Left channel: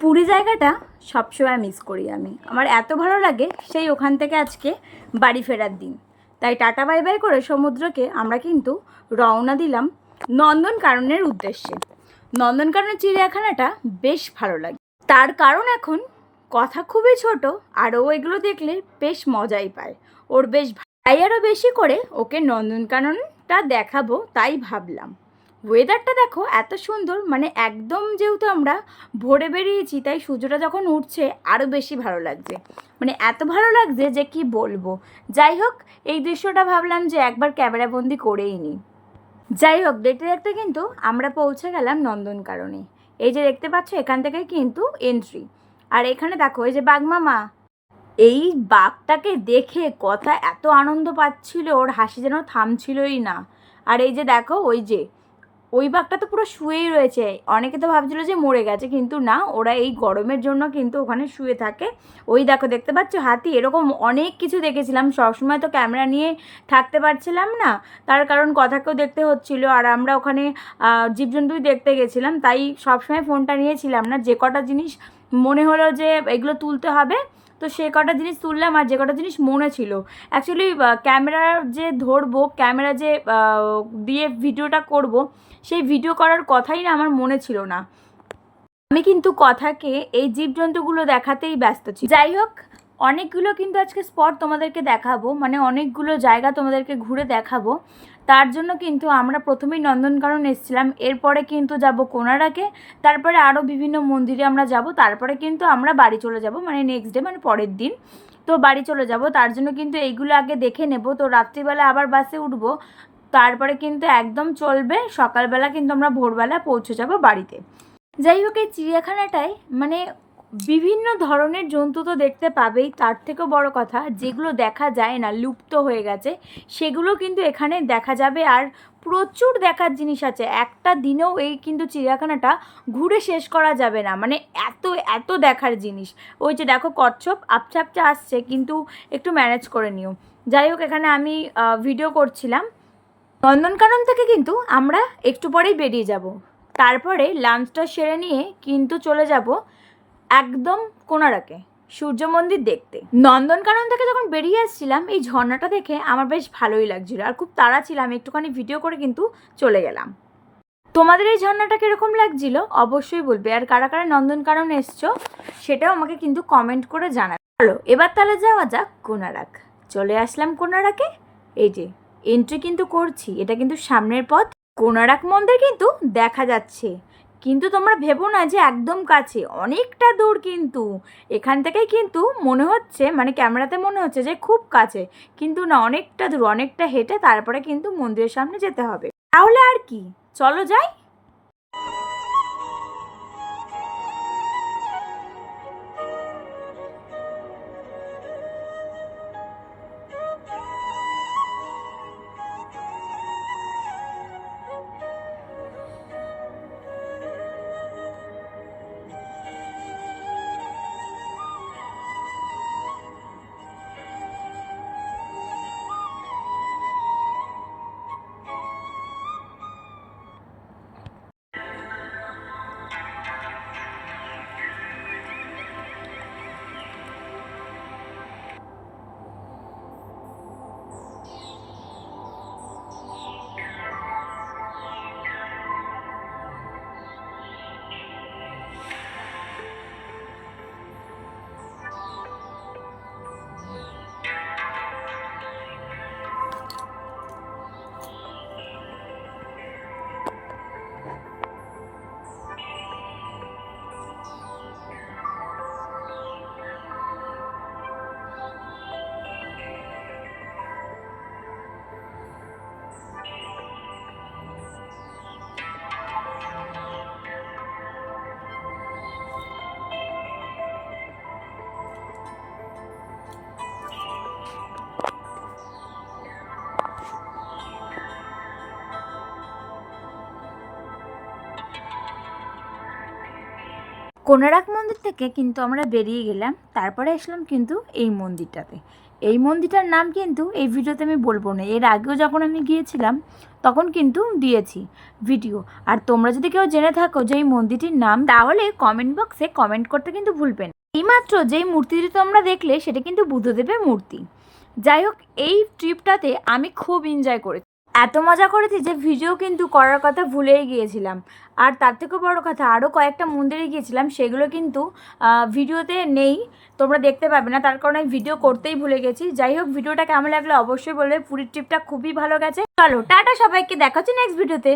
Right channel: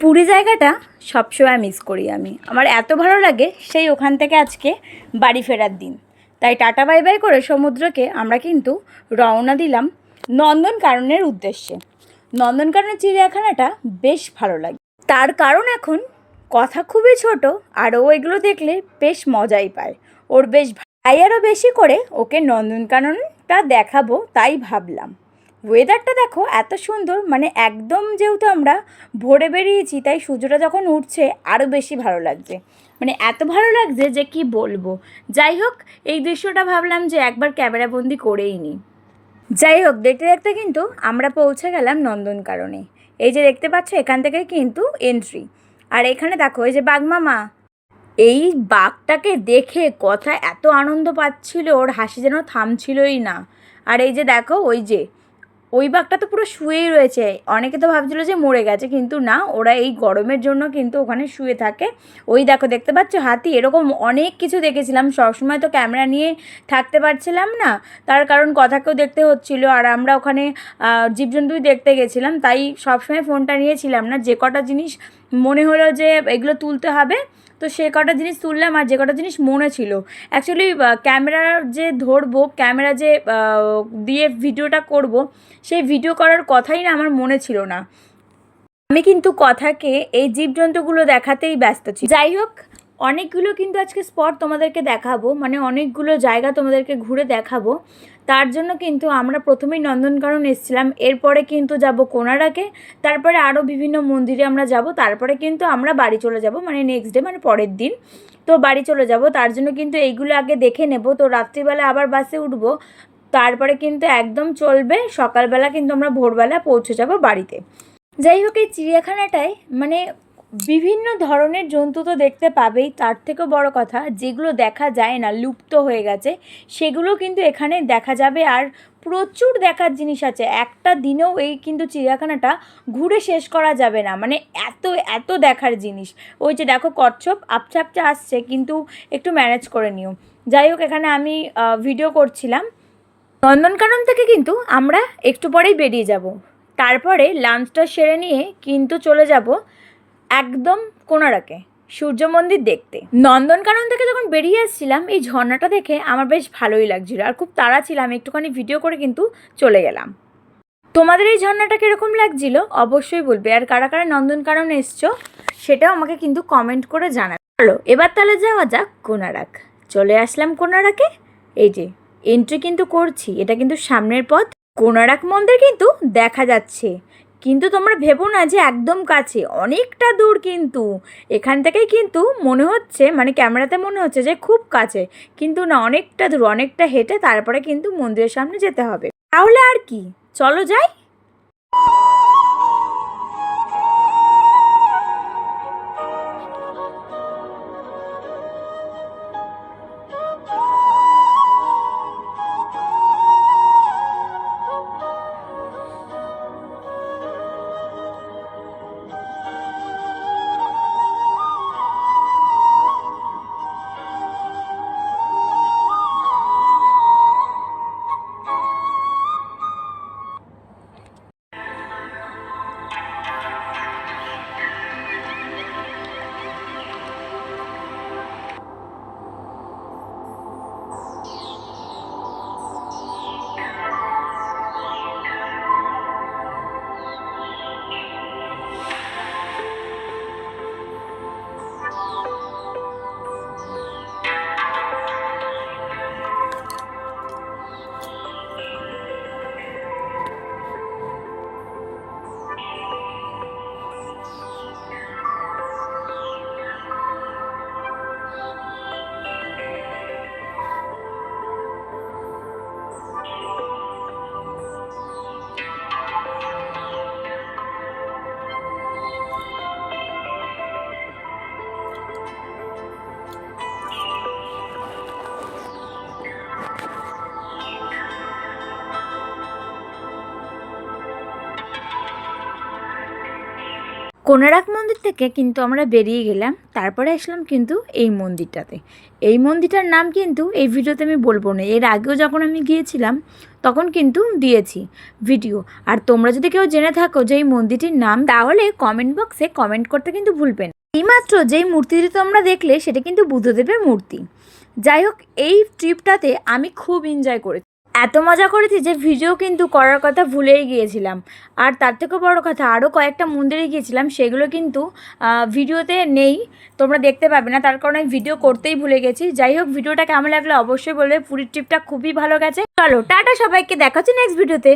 পুরী জায়গাটা সবসময় মিস করি আমি। আমার এত ভালো লাগে সেই ওখান থেকে আজকে বাড়ি ফেরার দিন। তাই টাটা বাই বাই করে সমুদ্রকে আমরা কিন্তু রওনা দিলাম নন্দনকাননের উদ্দেশ্যে। নন্দনকানন চিড়িয়াখানাটা বেশ ভালো লাগে। তার কারণ এখন কথা খুবই ছোট আর ও এগুলো দেখলে বেশ মজাই পায়। ওর বেশ ভা- তাই আরও বেশি করে ওকে নন্দনকাননটা দেখাবো তাই ভাবলাম। ওয়েদারটা দেখো এত সুন্দর মানে একদম যেহেতু আমরা ভোরে বেরিয়েছি, তাই সূর্যটা যখন উঠছে আরও বেশি ভালো লাগছে। মানে এত ভালো লাগছে যে কি বলব। যাই হোক, এই দৃশ্যটা ভাবলাম যে একবার ক্যামেরাবন্দি করেই নিই। যাই হোক, দেখতে দেখতে কিন্তু আমরা পৌঁছে গেলাম নন্দনকাননে। এই যে দেখতে পাচ্ছ, এখান থেকে কিন্তু এন্ট্রি আর এখানে দেখো, এই যে বাঘমামা এই বাঘটাকে দেখে কথা এত আনন্দ পাচ্ছিল, ওর হাসি যেন থামছিলই না। আর এই যে দেখো, ওই যে ওই বাঘটা তো পুরো শুয়েই রয়েছে। অনেকে তো ভাবছিল যে মরে গেছে, কিন্তু না, ওরা এই গরমের জন্য কিন্তু ওখানে শুয়ে থাকে। ওই দেখো, দেখতে পাচ্ছ হাতি? এরকম অনেক কিছু দেখেছিলাম। সবসময় তো ক্যামেরা নিয়ে থাকতে পারছিলাম না। তার কারণ কথাকেও দেখতে হচ্ছিল। আর আমরা ওখানে জীবজন্তুই দেখতে গেছিলাম। তাই সবসময় ফোনটা নিয়েছিলাম না। যে কটা জিনিস মনে হলো যে এগুলো তুলতে হবে। তো সে কটা জিনিস তুললাম আর যে কটা জিনিস মনে ছিল। অ্যাকচুয়ালি ক্যামেরা যে ধরবো ক্যামেরা যে দিয়ে ভিডিওটা করব, সেই ভিডিও করার কথাই না আমার মনে ছিল না। আমি কিন্তু কথাকে এই জীবজন্তুগুলো দেখাতেই ব্যস্ত ছি। যাই হোক অনেকগুলো কিন্তু আজকে স্পট তোমাদেরকে দেখাবো মানে অনেকগুলো জায়গা তোমাদেরকে ঘুরে দেখাবো। তার জন্য কিন্তু আমরা প্রথমেই নন্দনকানন এসেছিলাম, এরপরে কিন্তু যাব কোনারাকে তারপরে আরও বিভিন্ন মন্দিরে আমরা যাব, তারপরে কিন্তু আমরা বাড়ি চলে যাব মানে নেক্সট ডে মানে পরের দিন। তো বাড়ি চলে যাব, তার জন্য কিন্তু এইগুলো আগে দেখে নেব। তো রাত্রিবেলা আবার বাসে উঠবো, তারপরে কিন্তু একদম চলবে, সকালবেলা কিন্তু আমরা ভোরবেলা পৌঁছে যাব বাড়িতে। যাই হোক, এই চিড়িয়াখানাটায় মানে বিভিন্ন ধরনের জন্তু তো দেখতে পাবেই, তার থেকেও বড় কথা যেগুলো দেখা যায় না, লুপ্ত হয়ে গেছে, সেগুলো কিন্তু এখানে দেখা যাবে। আর প্রচুর দেখার জিনিস আছে, একটা দিনেও এই কিন্তু চিড়িয়াখানাটা ঘুরে শেষ করা যাবে না মানে এত এত দেখার জিনিস। ওই যে দেখো কচ্ছপ আপচা আপচা আসছে, কিন্তু একটু ম্যানেজ করে নিও। যাই হোক, এখানে আমি ভিডিও করছিলাম। নন্দনকানন থেকে কিন্তু আমরা একটু পরেই বেরিয়ে যাব। তারপরে লাঞ্চটা সেরে নিয়ে কিন্তু চলে যাব। একদম কোনারাকে সূর্য মন্দির দেখতে। নন্দনকানন থেকে যখন বেরিয়ে আসছিলাম, এই ঝর্ণাটা দেখে আমার বেশ ভালোই লাগছিল আর খুব তাড়া ছিলাম একটুখানি ভিডিও করে কিন্তু চলে গেলাম। তোমাদের এই ঝর্ণাটা কীরকম লাগছিল? অবশ্যই বলবে। আর কারা কারা নন্দনকানন এসছো, সেটাও আমাকে কিন্তু কমেন্ট করে জানাবে। চলো এবার তাহলে যাওয়া যাক কোনারাক চলে আসলাম কোনারাকে এই যে এন্ট্রি কিন্তু করছি, এটা কিন্তু সামনের পথ। কোনারাক মন্দির কিন্তু দেখা যাচ্ছে। কিন্তু তোমরা ভেবো না যে একদম কাছে, অনেকটা দূর কিন্তু। এখান থেকেই কিন্তু মনে হচ্ছে মানে ক্যামেরাতে মনে হচ্ছে যে খুব কাছে, কিন্তু না, অনেকটা দূর, অনেকটা হেঁটে তারপরে কিন্তু মন্দিরের সামনে যেতে হবে। তাহলে আর কি? চলো যাই। কোনারাক মন্দির থেকে কিন্তু আমরা বেরিয়ে গেলাম। তারপরে আসলাম কিন্তু এই মন্দিরটাতে। এই মন্দিরটার নাম কিন্তু এই ভিডিওতে আমি বলব না। এর আগেও যখন আমি গিয়েছিলাম, তখন কিন্তু দিয়েছি ভিডিও। আর তোমরা যদি কেউ জেনে থাকো যে এই মন্দিরটির নাম, তাহলে কমেন্ট বক্সে কমেন্ট করতে কিন্তু ভুলবেন না। এইমাত্র যেই মূর্তিটি তোমরা দেখলে, সেটা কিন্তু বুদ্ধদেবের মূর্তি। যাই হোক, এই ট্রিপটাতে আমি খুব এনজয় করেছি। এত মজা করেছি যে ভিডিও কিন্তু করার কথা ভুলেই গিয়েছিলাম। আর তার থেকেও বড় কথা আরও কয়েকটা মন্দিরে গিয়েছিলাম, সেগুলো কিন্তু ভিডিওতে নেই, তোমরা দেখতে পাবে না, তার কারণে ভিডিও করতেই ভুলে গেছি। যাই হোক, ভিডিওটা কেমন লাগল অবশ্যই বলবে, পুরীর ট্রিপটা খুবই ভালো গেছে। চলো, টাটা সবাইকে দেখাচ্ছি নেক্সট ভিডিওতে